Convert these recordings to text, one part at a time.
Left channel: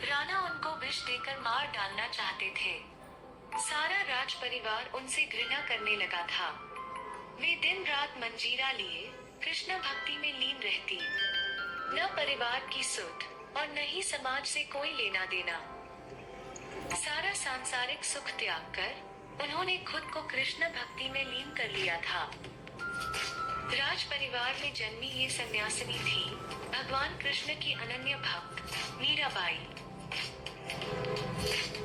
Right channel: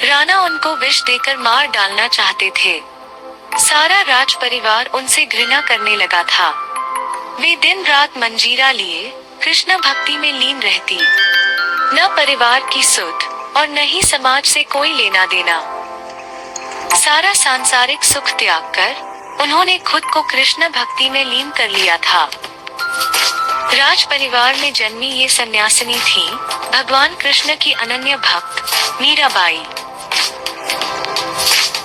राणा उनको विष देकर मार डालना चाहते थे। सारा राज परिवार उनसे घृणा करने लगा था। वे दिन रात मंजीरा लिए कृष्ण भक्ति में लीन रहती। न परिवार की सुध और न ही समाज से कोई लेना देना। सारा सांसारिक सुख त्याग कर उन्होंने खुद को कृष्ण भक्ति में लीन कर लिया था। राज परिवार में जन्मी ये सन्यासिनी थी भगवान कृष्ण की अनन्य भक्त मीराबाई।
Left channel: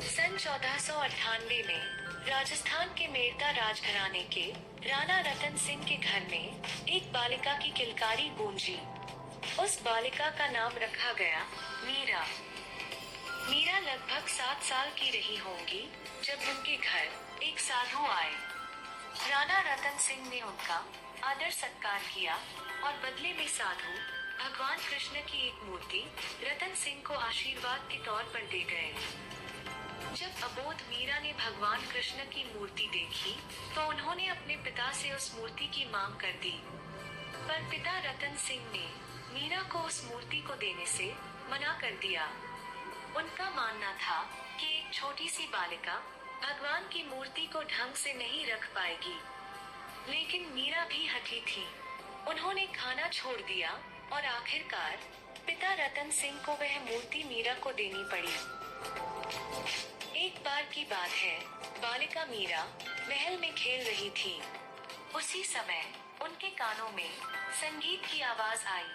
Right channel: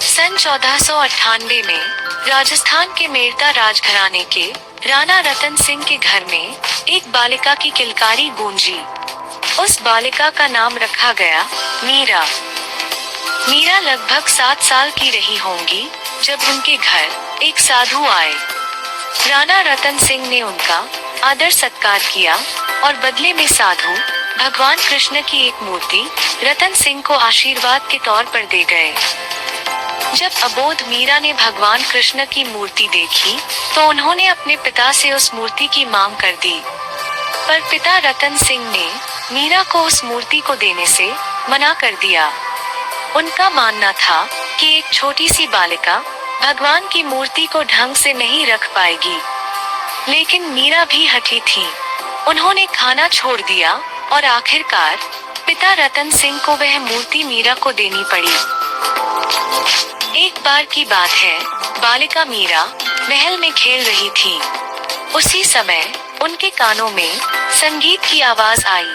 सन 1498 में राजस्थान के मेड़ता राजघराने के राणा रतन सिंह के घर में एक बालिका की किलकारी गूंजी। उस बालिका का नाम रखा गया मीरा। मीरा लगभग 7 साल की रही होंगी जब उनके घर एक साधु आए। राणा रतन सिंह ने उनका आदर सत्कार किया और बदले में साधु भगवान कृष्ण की एक मूर्ति रतन सिंह को आशीर्वाद के तौर पर दे गए। जब अबोध मीरा ने भगवान कृष्ण की मूर्ति देखी तो उन्होंने अपने पिता से उस मूर्ति की मांग कर दी, पर पिता रतन सिंह ने मीरा को उस मूर्ति को देने से मना कर दिया। उनका मानना था कि एक छोटी सी बालिका भगवान की मूर्ति को ढंग से नहीं रख पाएगी। लेकिन मीरा भी हठी थी। उन्होंने खाना छोड़ दिया और आखिरकार पिता रतन सिंह को वह मूर्ति मीरा को देनी पड़ी। एक बार की बात है, बालिका मीरा महल में खेल रही थी। उसी समय उनके कानों में संगीत की आवाज आई।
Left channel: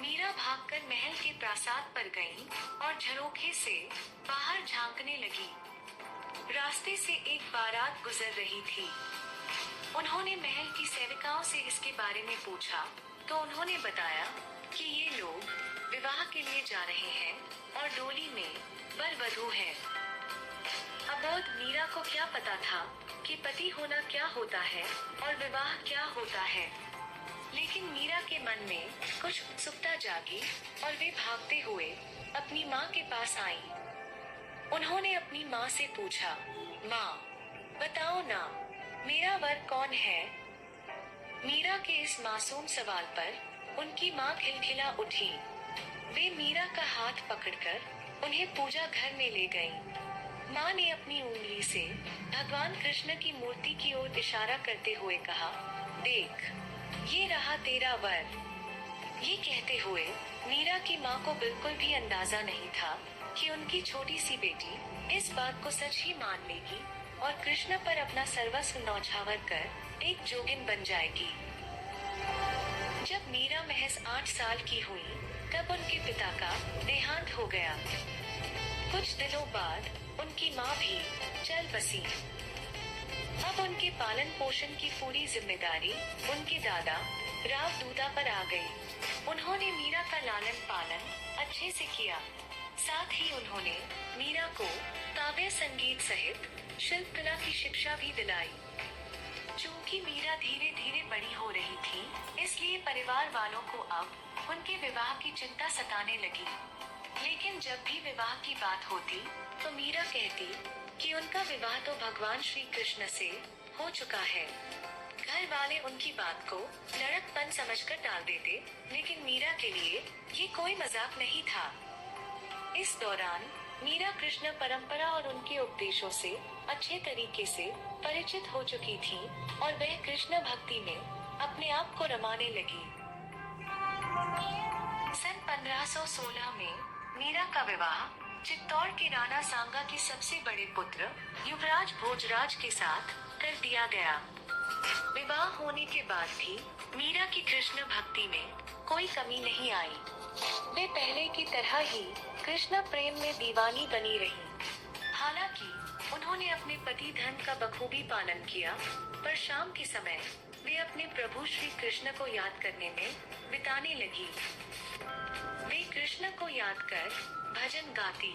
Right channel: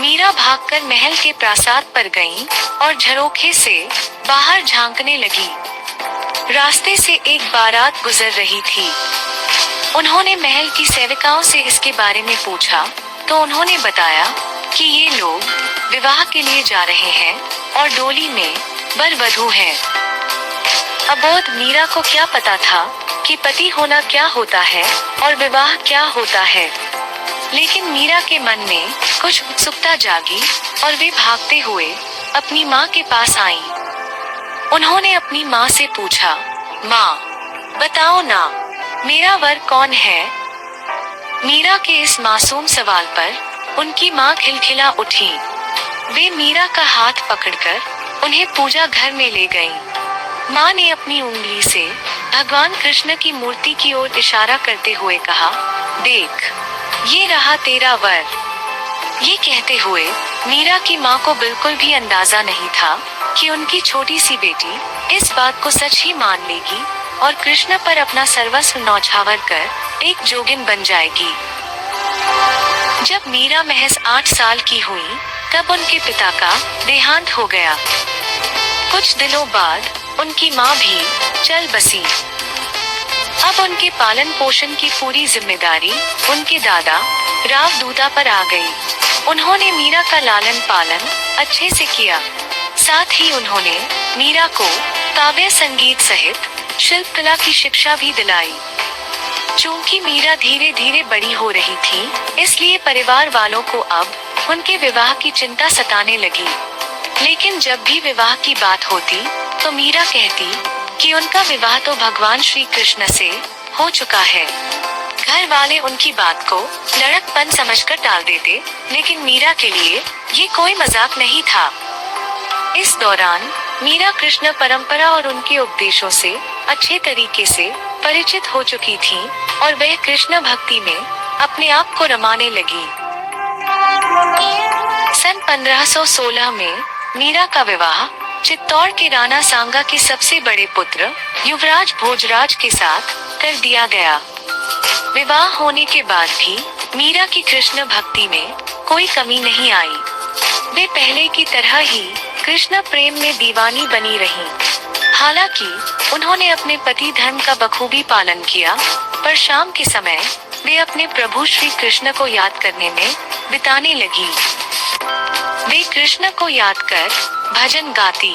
मीरा भागकर महल के प्रासाद पर गईं और झरोखे से बाहर झांकने लगी। रास्ते से एक बारात गुजर रही थी। उन्होंने महल की सेविकाओं से इसके बारे में पूछा तो उन्होंने बताया कि ये लोग विवाह के लिए जा रहे हैं और डोली में वर वधू हैं। अबोध मीरा को क्या पता था कि पति होना क्या होता है और विवाह क्या होता है। लेकिन मीरा के मन में कुछ उत्सुकता जागी और वे भागते हुए अपनी माँ के पास आईं। उन्होंने अपनी माँ से पूछा, माँ बताओ ना, मेरा वर कौन है? मीरा के इस मासूम सवाल पर उनकी माँ खिलखिला उठी। वे मीरा का हाथ पकड़कर उन्हें पूजा घर में ले गईं। माँ ने अपनी उंगली से भगवान कृष्ण की मूर्ति की ओर इशारा करते हुए कहा, देख, ये रहा तेरा वर। ये कहते हुए मीरा की माँ को बिल्कुल भी अंदाजा नहीं था कि उनकी छोटी सी बेटी इस बात को सच ही मान लेगी और कृष्ण पर अपना सर्वस्व न्यौछावर कर एक जोगिन बन जाएगी। जब मीरा महज 8 साल की हुई तब उनके पिता का देहांत हो गया। कुछ दिनों बाद उनकी माँ भी चल बसी। अब उनके पालन पोषण की पूरी जिम्मेदारी उनके दादा राव दूता पर आ गई। उन्होंने मीरा का लालन पालन अच्छे से किया। साथ ही उन्होंने मीरा को काव्य संगीत सहित शिल्पकला की शिक्षा भी दिलाई। चूंकि मीरा धीरे धीरे बड़ी हो रही थी, इसलिए परिवार वालों को अब उनके विवाह की चिंता सताने लगी। लेकिन जब भी विवाह की बात होती तो मीरा कहती कि उनका विवाह तो भगवान श्री कृष्ण से हो चुका है। घर वाले उनकी बात को लड़कपन समझकर टाल देते, लेकिन मीरा के लिए ये कोई मजाक नहीं था। इस दौरान मीरा कृष्ण परंपरा और उनके उपदेशों से अच्छे तरीके से परिचित हो चुकी थी और वह कृष्ण भक्ति में अपने आप को रमाने लगी। सन 1516 में मीरा का विवाह चित्तौड़ के राणा सांगा के सबसे बड़े पुत्र युवराज भोजराज के साथ कर दिया गया। विवाह होने के बाद भी मीरा की कृष्ण भक्ति में कोई कमी नहीं आई। वे पहले की तरह ही कृष्ण प्रेम में दीवानी बनी रहीं। हालांकि उन्होंने अपने पति धर्म का बखूबी पालन किया, पर शाम के समय वे अपने प्रभु श्री कृष्ण को याद करने में बिताने लगी। वे कृष्ण को याद कर भजन गाती।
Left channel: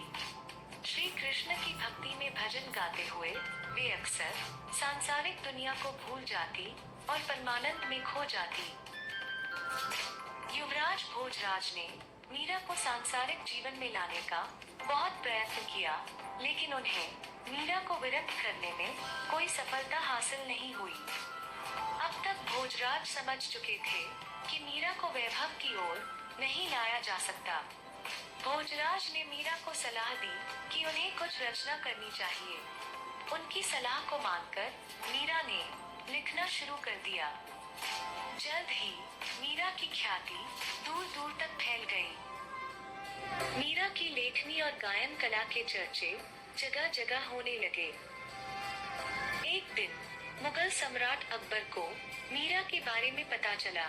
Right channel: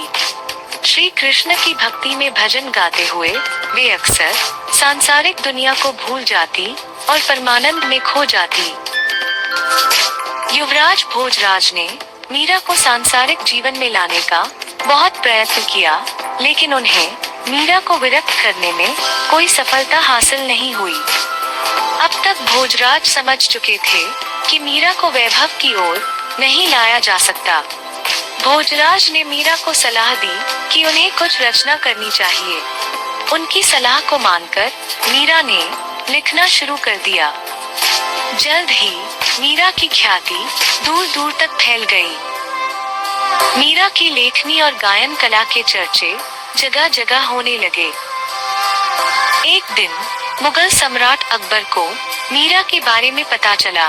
श्री कृष्ण की भक्ति में भजन गाते हुए वे अक्सर सांसारिक दुनिया को भूल जाती और परमानंद में खो जाती। युवराज भोजराज ने मीरा को सांसारिक जीवन में लाने का बहुत प्रयत्न किया, लेकिन उन्हें मीरा को विरक्त करने में कोई सफलता हासिल नहीं हुई। अब तक भोजराज समझ चुके थे कि मीरा को वैभव की ओर नहीं लाया जा सकता। भोजराज ने मीरा को सलाह दी कि उन्हें कुछ रचना करनी चाहिए। उनकी सलाह को मानकर मीरा ने लिखना शुरू कर दिया। जल्द ही मीरा की ख्याति दूर दूर तक फैल गई। मीरा की लेखनी और गायन कला के चर्चे जगह जगह होने लगे। एक दिन मुगल सम्राट अकबर को मीरा के बारे में पता चला।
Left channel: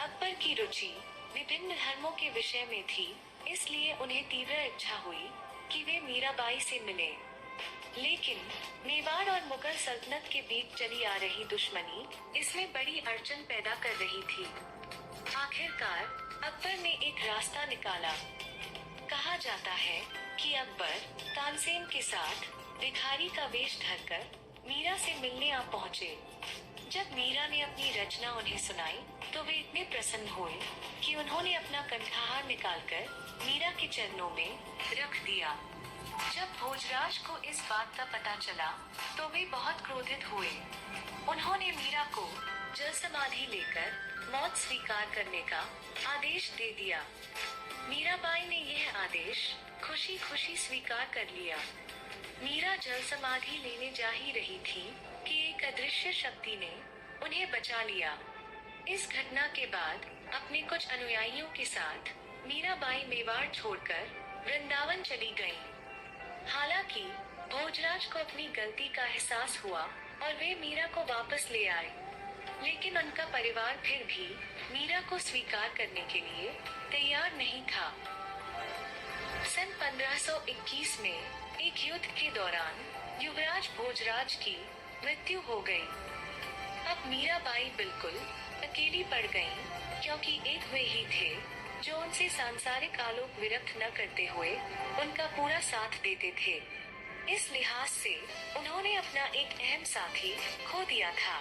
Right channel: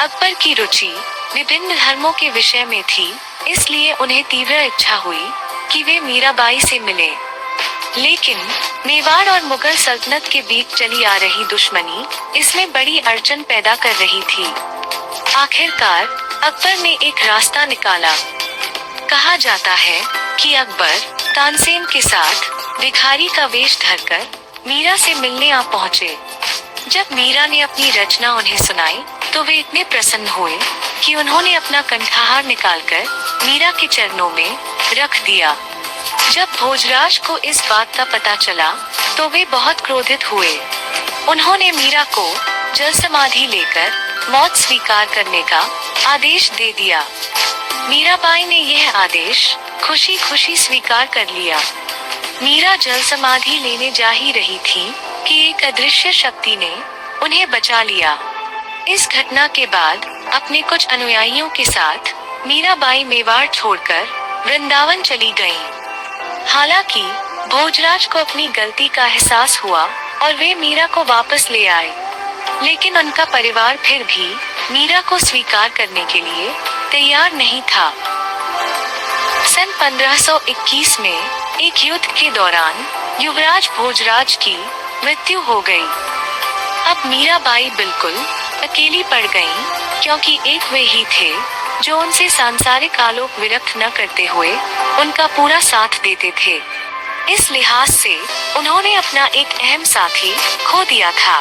अकबर की रुचि विभिन्न धर्मों के विषय में थी, इसलिए उन्हें तीव्र इच्छा हुई कि वे मीराबाई से मिले। लेकिन मेवाड़ और मुगल सल्तनत के बीच चली आ रही दुश्मनी इसमें बड़ी अड़चन पैदा कर रही थी। आखिरकार अकबर ने एक रास्ता निकाला। कहा जाता है कि अकबर तानसेन के साथ भिखारी का वेश धरकर मीरा से मिलने आ पहुँचे। जब मीरा ने अपनी रचना उन्हें सुनाई तो वे इतने प्रसन्न हुए कि उन्होंने अपना कंठाहार निकालकर मीरा के चरणों में रख दिया। जब भोजराज को इस बात का पता चला तो वे बहुत क्रोधित हुए। उन्होंने मीरा को जल समाधि लेकर मौत स्वीकार करने का आदेश दे दिया। मीराबाई ने यह आदेश खुशी खुशी स्वीकार कर लिया। मीरा जल समाधि लेने जा ही रही थी कि एक अदृश्य शक्ति ने उन्हें बचा लिया। इस घटना के बाद अपने कुछ अनुयायियों के साथ मीराबाई मेवाड़ छोड़कर वृंदावन चली गईं। हालांकि भोजराज को अपनी गलती का एहसास हुआ और वे मीरा को वापस ले आए, लेकिन उनका परिवार फिर भी मीरा को स्वीकार करने के लिए तैयार नहीं था। सन 1521 में एक युद्ध के दौरान युवराज भोजराज की मृत्यु हो गई। अब मीराबाई बिल्कुल अकेली पड़ गईं, क्योंकि एक वे ही थे जो उनसे सांसारिक आलोक विरक्त न करते हुए उनका पूरा साथ देते थे। इस लिहाज से उन्होंने अपना एक अहम साथी खो दिया था।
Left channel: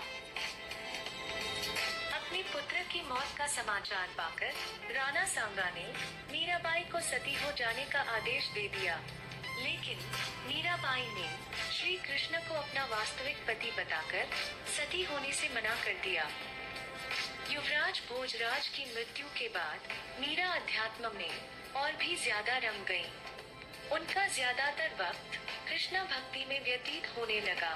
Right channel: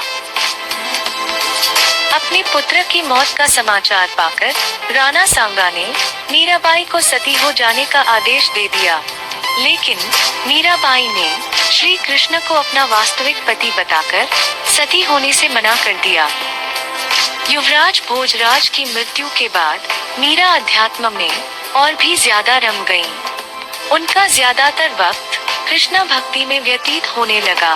अपने पुत्र की मौत का समाचार पाकर राणा सांगा ने मीराबाई को सती हो जाने का आदेश दे दिया, लेकिन मीराबाई ने श्री कृष्ण को अपना वास्तविक पति बताकर सती होने से मना कर दिया। युवराज भोजराज की मृत्यु के बाद मीरा अध्यात्म में और भी ज्यादा रम गईं। उनका ज्यादातर वक्त कृष्ण भक्ति में व्यतीत होने लगा।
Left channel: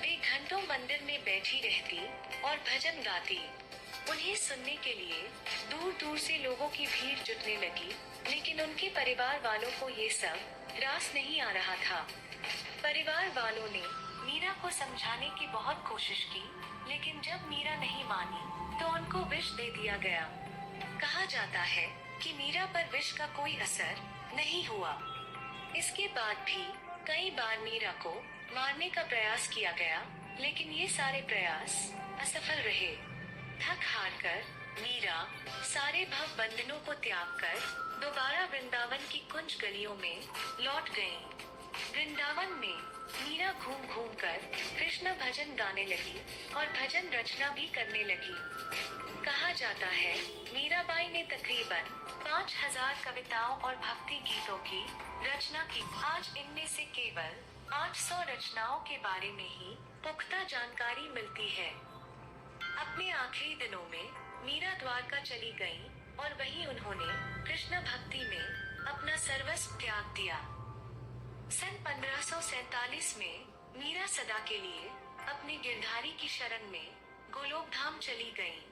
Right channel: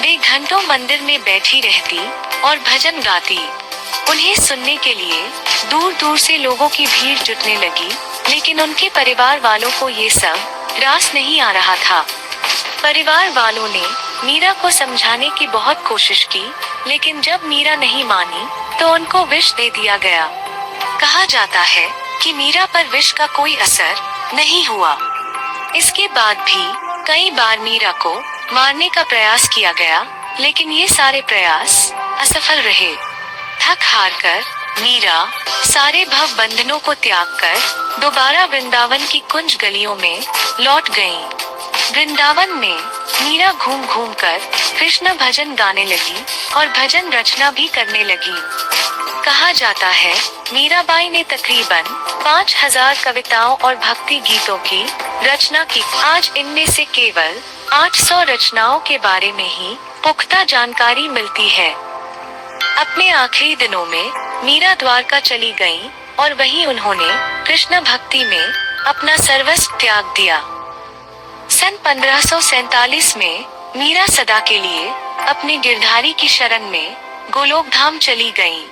वे घंटों मंदिर में बैठी रहती और भजन गाती। उन्हें सुनने के लिए दूर दूर से लोगों की भीड़ जुटने लगी, लेकिन उनके परिवार वालों को ये सब रास नहीं आ रहा था। परिवार वालों ने मीरा को समझाने की बहुत कोशिश की, लेकिन जब मीरा नहीं मानी तो उनको विष दे दिया गया। कहा जाता है कि मीरा पर विष का कोई असर नहीं हुआ। इसके बाद भी कई बार मीरा को मारने का प्रयास किया गया, लेकिन ये सारे प्रयास असफल रहे। थक हार कर मीरा सारे भव बंधनों को त्याग कर दोबारा वृंदावन की कुंज गलियों में लौट गईं। वृंदावन में मीरा घूम घूम कर कृष्ण भजन गाने लगी और भजन रचना भी करने लगी। कहा जाता है मीराबाई ने तकरीबन 5000 कविताओं और भक्ति गीतों की रचना की। आज इनमें से केवल 800 रचनाओं के बारे में ही पुख्ता जानकारी मिलती है। अपने आखिरी दिनों में मीरा द्वारका चली गईं और वहीं उन्होंने कृष्ण भक्ति में अपना सर्वस्व त्याग दिया। सन 1547 में मीरा सदा के लिए अपने गिरधारी की शरण में गोलोक धाम चली गईं।